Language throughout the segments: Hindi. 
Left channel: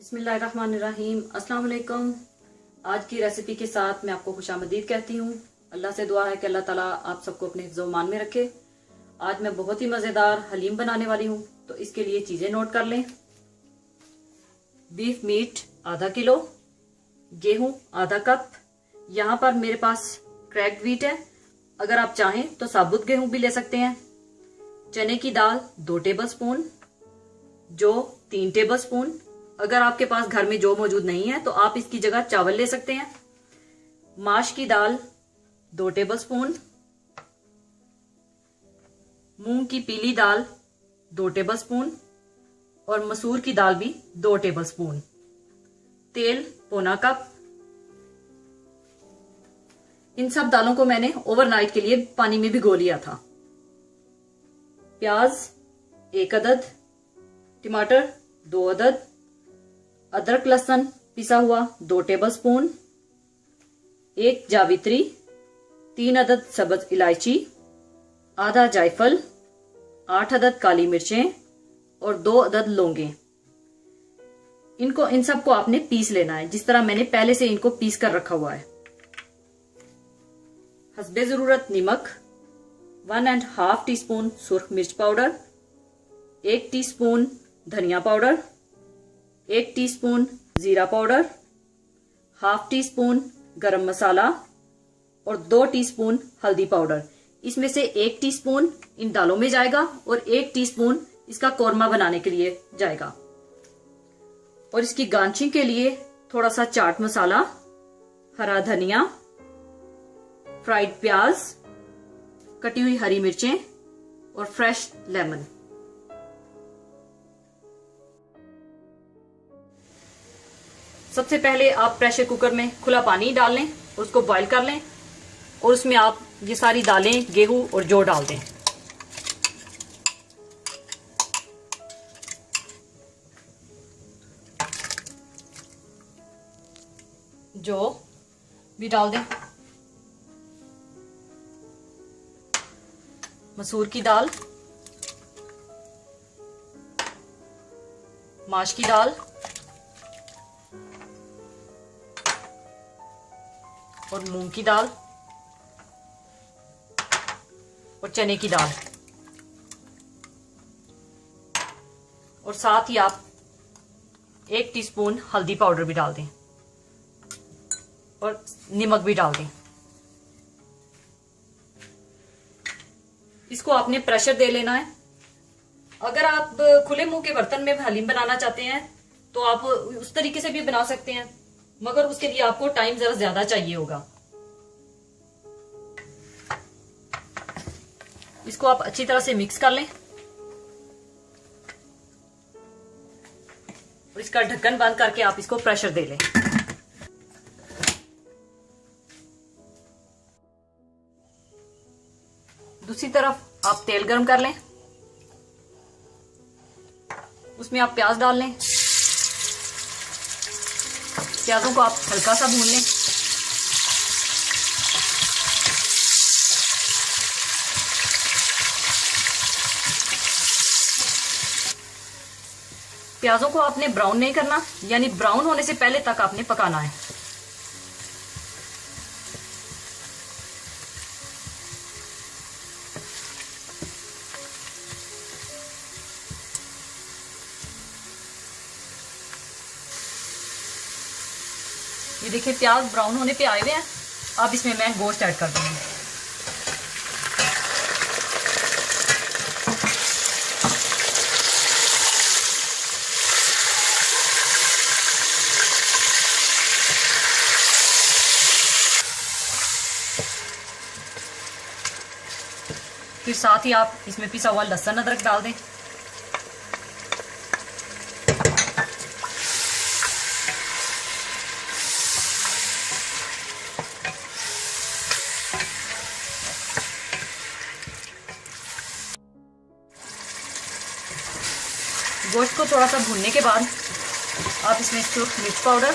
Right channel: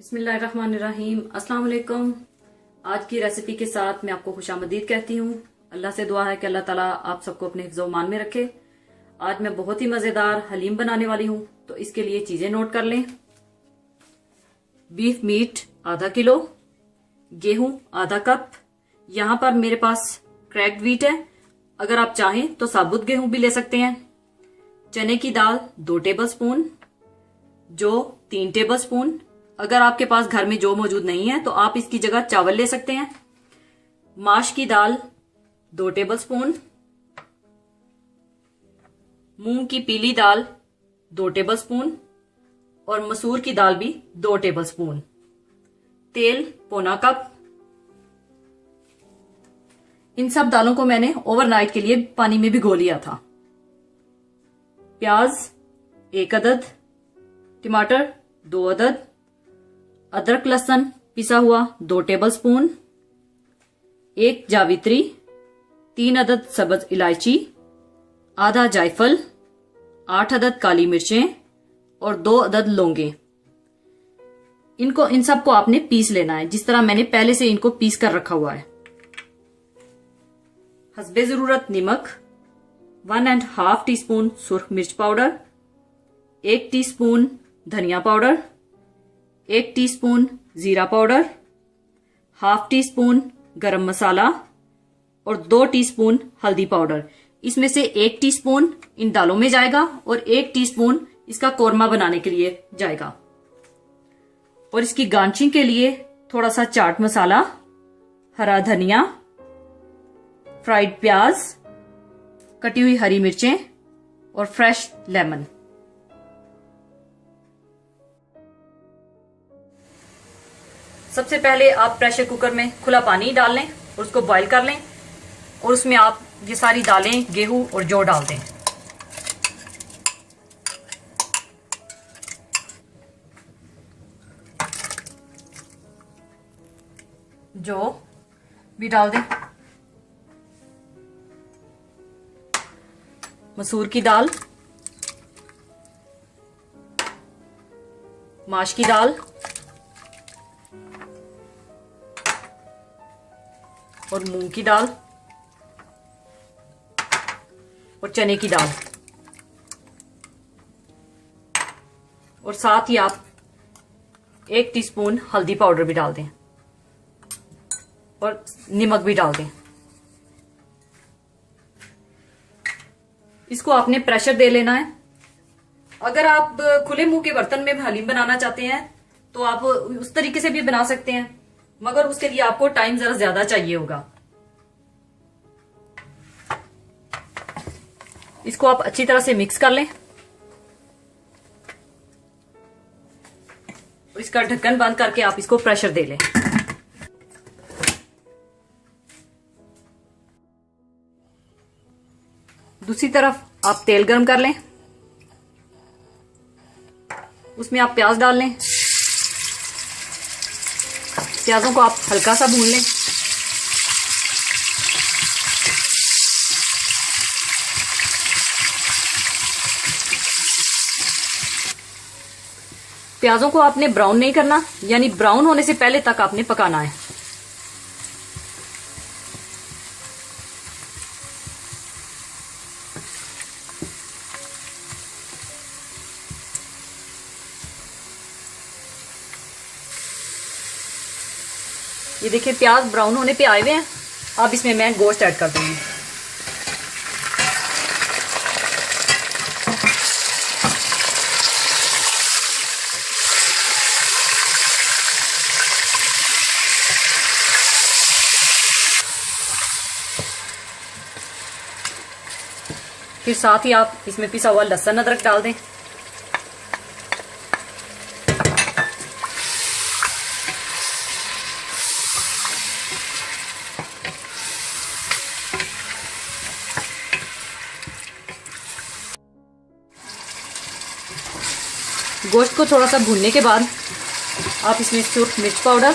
बिस्मिल्लाहिर्रहमानिर्रहीम। अस्सलाम वालेकुम। आज की रेसिपी के साथ मैं आपको खुशामदीद कहती हूँ। अल्लाह से दुआ है कि अल्लाह ताला आप सबको अपने हिफ्ज़ व मान में रखे। आज मैं बहुत ही मज़ेदार हलीम बनाने वाली हूँ, तो इसके लिए चीज़ें नोट कर लें। बीफ मीट आधा किलो, गेहूँ आधा कप। यहाँ पर मेरे पास क्रैक्ड व्हीट है, अगर आप चाहें तो साबुत गेहूँ भी ले सकते हैं। चने की दाल 2 टेबलस्पून, जौ 3 टेबलस्पून। अगर आपके पास घर में जौ मौजूद नहीं है तो आप इसकी जगह चावल ले सकते हैं। माश की दाल 2 टेबलस्पून, मूंग की पीली दाल 2 टेबलस्पून और मसूर की दाल भी 2 टेबलस्पून। तेल पौना कप। इन सब दालों को मैंने ओवरनाइट के लिए पानी में भिगो लिया था। प्याज 1 अदद, टमाटर 2 अदद, अदरक लहसुन पिसा हुआ 2 टेबलस्पून, 1 जावित्री, 3 अदद सब्ज इलायची, आधा जायफल, 8 अदद काली मिर्चें और 2 अदद लौंगे। इन सब को आपने पीस लेना है, जिस तरह मैंने पहले से इनको पीस कर रखा हुआ है। हस्बे जरूरत नमक, 1.5 टीस्पून सुर्ख मिर्च पाउडर, 1 टीस्पून धनिया पाउडर, 1 टीस्पून जीरा पाउडर, हाफ टीस्पून गरम मसाला और 2 टीस्पून हल्दी पाउडर। इसमें से 1 टीस्पून इन दालों में जाएगा और 1 टीस्पून इसका कोरमा बनाने के लिए जाएगा। और इसकी गार्निशिंग के लिए थोड़ा सा चाट मसाला, हरा धनिया, फ्राइड प्याज, कटी हुई हरी मिर्चें और फ्रेश लेमन। सबसे पहले आप प्रेशर कुकर में खुला पानी डाल लें, उसको बॉईल कर लें और उसमें आप ये सारी दालें, गेहूं और जौ डाल दें। जौ भी डाल दें, मसूर की दाल, माश की दाल और मूंग की दाल और चने की दाल। और साथ ही आप 1 टीस्पून हल्दी पाउडर भी डाल दें और नमक भी डाल दें। इसको आपने प्रेशर दे लेना है। अगर आप खुले मुंह के बर्तन में हलीम बनाना चाहते हैं तो आप उस तरीके से भी बना सकते हैं, मगर उसके लिए आपको टाइम जरा ज्यादा चाहिए होगा। इसको आप अच्छी तरह से मिक्स कर लें और इसका ढक्कन बंद करके आप इसको प्रेशर दे लें। दूसरी तरफ आप तेल गरम कर लें, उसमें आप प्याज डाल लें। प्याजों को आप हल्का सा भून लें। प्याजों को आपने ब्राउन नहीं करना, यानी ब्राउन होने से पहले तक आपने पकाना है। ये देखिए प्याज ब्राउन होने पे आए हुए हैं। अब इसमें मैं गोश्त ऐड कर दूंगी। फिर साथ ही आप इसमें पिसा हुआ लहसुन अदरक डाल दें। गोश्त को थोड़ा सा भूनने के बाद आप इसमें सुर्ख मिर्च पाउडर,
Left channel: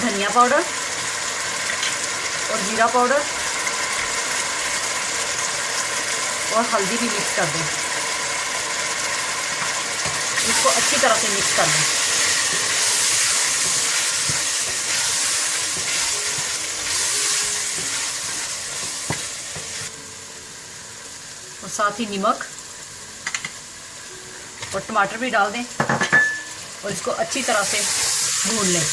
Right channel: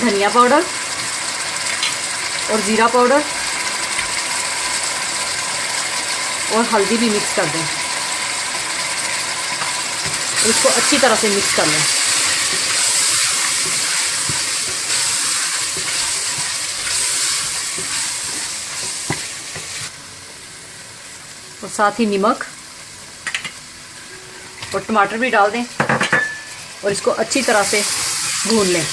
धनिया पाउडर और जीरा पाउडर और हल्दी भी मिक्स कर दें। इसको अच्छी तरह से मिक्स कर लें। और साथ ही नमक और टमाटर भी डाल दें और इसको अच्छी तरह से भून लें।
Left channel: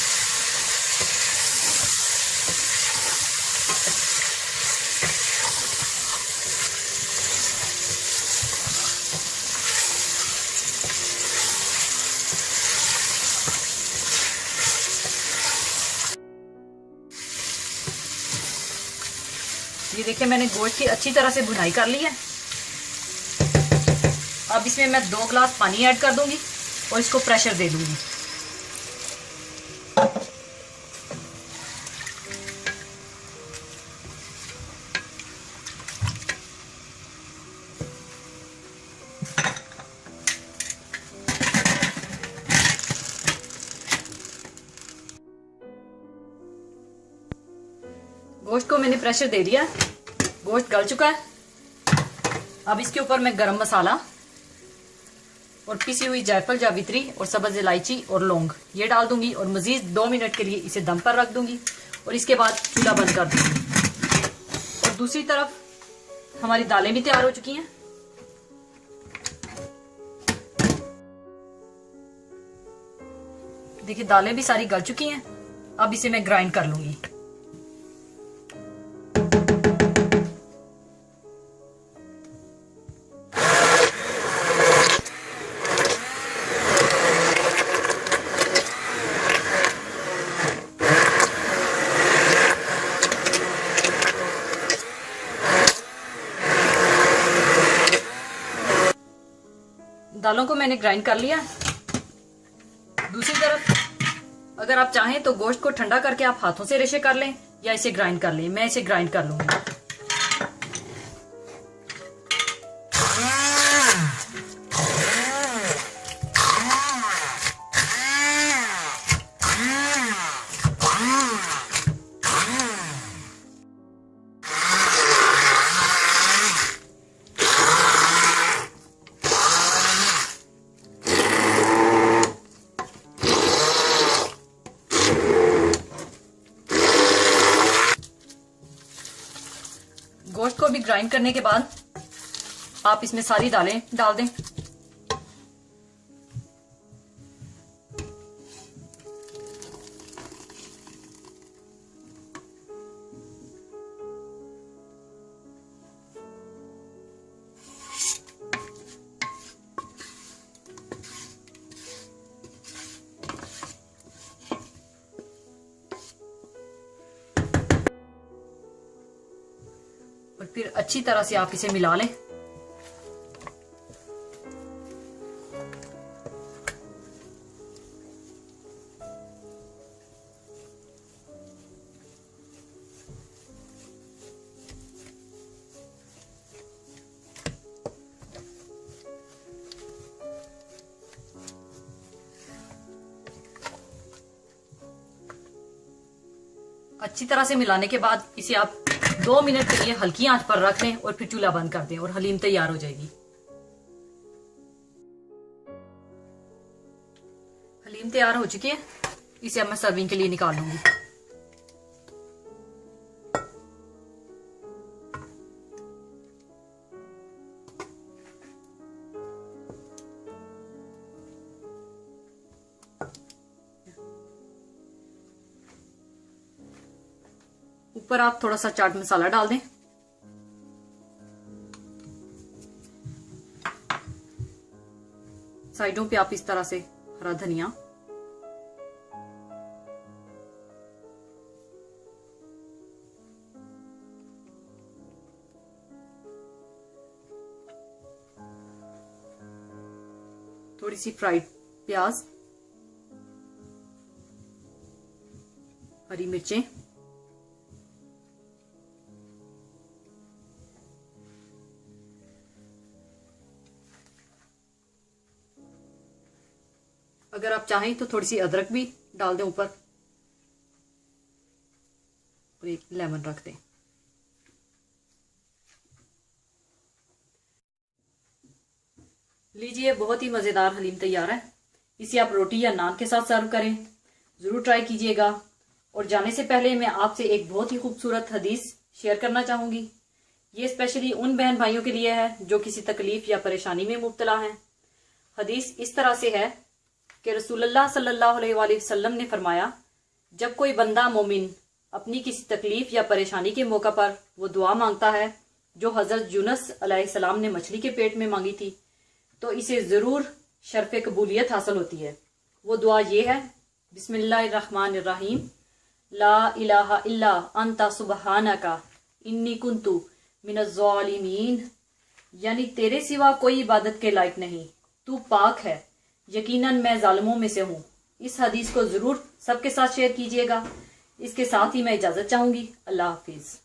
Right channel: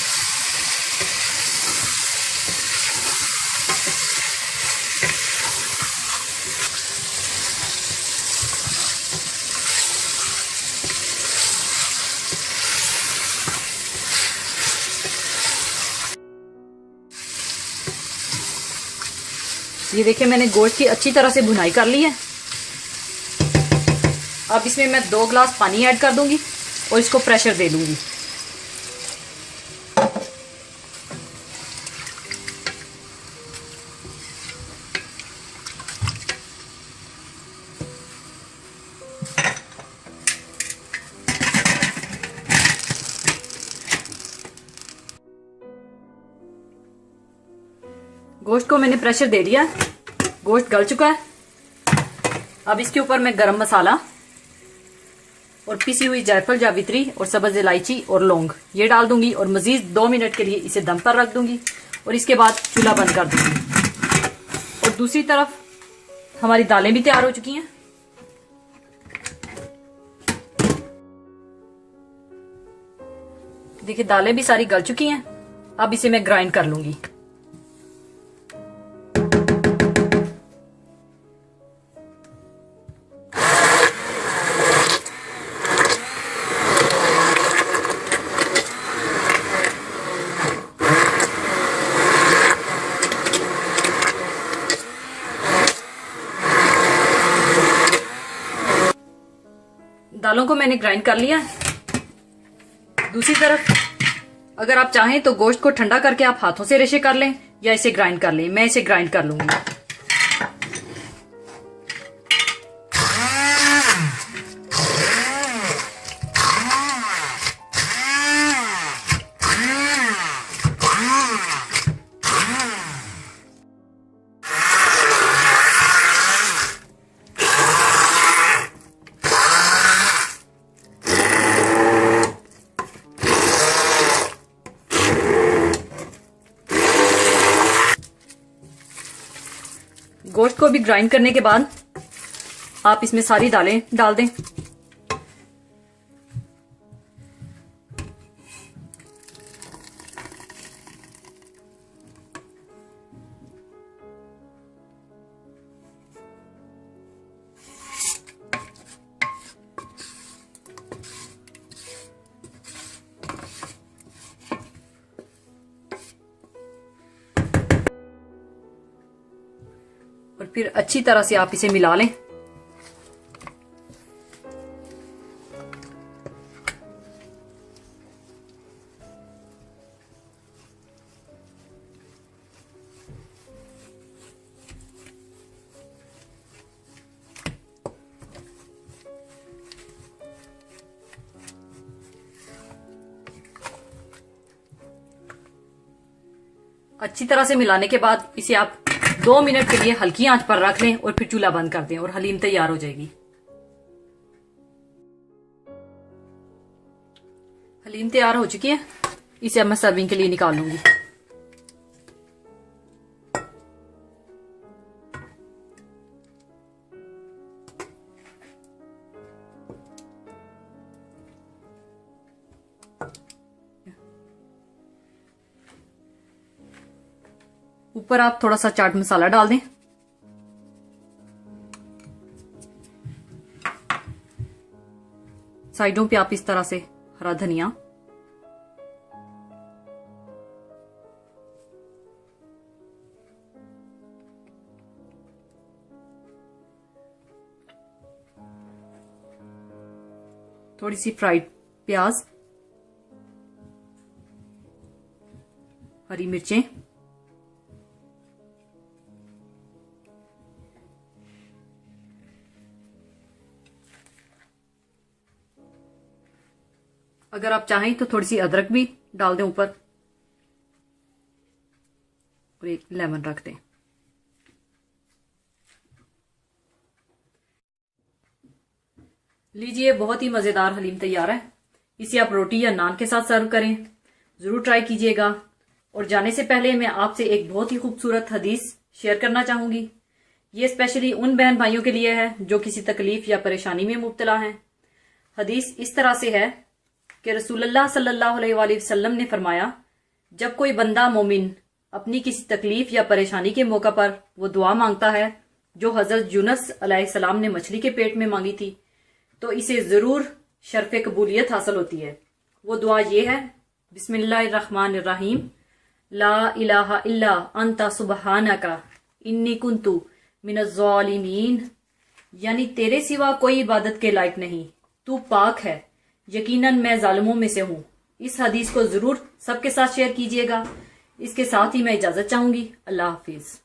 ये देखिए मैंने गोश्त की अच्छी तरह से भुनाई कर ली है। अब इसमें मैं 2 गिलास पानी ऐड कर दूंगी और इसको प्रेशर दे दूंगी। गोश्त को मैंने प्रेशर दे दिया, गोश्त गल चुका है। अब इसके ऊपर मैं गरम मसाला और पिसी हुई जायफल जावित्री और सब्ज इलायची और लौंग ये डाल दूंगी और मजीद 2 मिनट के लिए इसे दम पर रख दूंगी और इसके बाद चूल्हा बंद कर दूंगी। और दूसरी तरफ हमारी दालें भी तैयार हो चुकी हैं। देखिए दालें भी सारी गल चुकी हैं। अब इसे मैं ग्राइंड कर लूंगी। दालों को मैंने ग्राइंड कर लिया। दूसरी तरफ अगर आप चाहें तो गोश्त को ठंडा करके आप हाथों से रेशे कर लें या इसे ग्राइंड कर लें। मैं इसे ग्राइंड कर लूंगी। गोश्त को भी ग्राइंड करने के बाद आप इसमें सारी दालें डाल दें। और फिर अच्छी तरह से आप इसे मिला लें। अच्छी तरह से मिलाने के बाद इसे आप 2 मिनट के लिए हल्की आंच पर रख लें और फिर चूल्हा बंद कर दें और हलीम तैयार हो जाएगी। हलीम तैयार हो चुकी है। इसे अब मैं सर्विंग के लिए निकाल लूंगी। ऊपर आप थोड़ा सा चाट मसाला डाल दें। साइडों पे आप इस तरह से हरा धनिया, थोड़ी सी फ्राइड प्याज, हरी मिर्चें, अगर आप चाहें तो थोड़ी सी अदरक भी डाल दें ऊपर और एक लेमन रख दें। लीजिए, बहुत ही मज़ेदार हलीम तैयार है। इसे आप रोटी या नान के साथ सर्व करें। ज़रूर ट्राई कीजिएगा। और जाने से पहले मैं आपसे एक बहुत ही खूबसूरत हदीस शेयर करना चाहूँगी। ये स्पेशली उन बहन भाइयों के लिए है जो किसी तकलीफ या परेशानी में मुब्तला हैं। हदीस इस तरह से है कि रसूलुल्लाह सल्लल्लाहु अलैहि वसल्लम ने फरमाया, जब कोई बंदा मोमिन अपनी किसी तकलीफ या परेशानी के मौका पर वो दुआ मांगता है जो हज़रत यूनुस अलैहिस्सलाम ने मछली के पेट में मांगी थी, तो इसे ज़रूर शर्फ़ कबूलियत हासिल होती है। वो दुआ ये है, बिस्मिल्लाहिर्रहमानिर्रहीम, ला इलाहा इल्ला अंता सुबहानका इन्नी कुन्तु मिनज़्ज़ालिमीन। यानी तेरे सिवा कोई इबादत के लायक नहीं, तू पाक है, यकीनन मैं जालिमों में से हूँ। इस हदीस को ज़रूर सबके साथ शेयर कीजिएगा। इसके साथ ही मैं इजाज़त चाहूँगी। अल्लाह हाफिज़।